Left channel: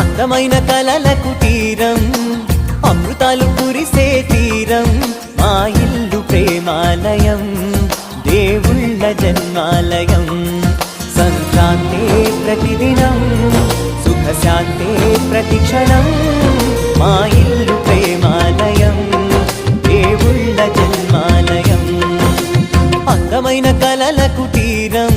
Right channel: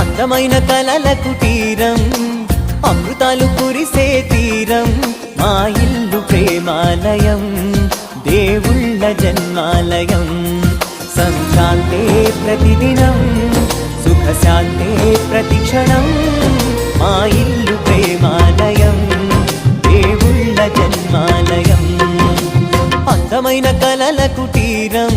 అందమైన కలల కుటీరం అమృతాలు కురిసే తీరం మా ఇల్లు ప్రేమాలయం దేవుళ్ళ జన్మాలయం సంక్రాంతే ప్రతిదినం సుఖశాంతే ప్రతిక్షణం మా ఇల్లు ప్రేమాలయం దేవుళ్ళ జన్మాలయం అందమైన కలల కుటీరం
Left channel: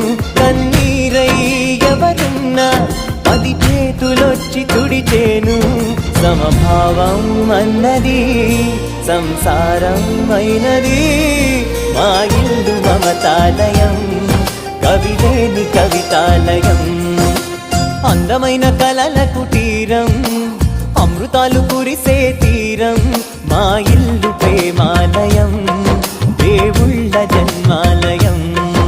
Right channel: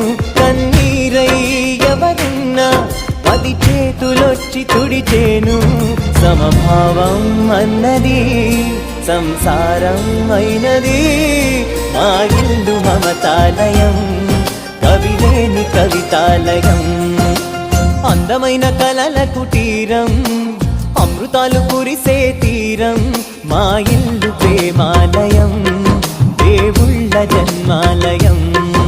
పది చేతులొచ్చి తుడిచేను సమభావం అన్నది సంసారం అయినది మా ఇల్లు మమతాలయం కవిలేని కవితాలయం అందమైన కలలకు కుటీరం అమృతాలు కురిసే తీరం మా ఇల్లు ప్రేమాలయం దేవుళ్ళ జన్మాలయం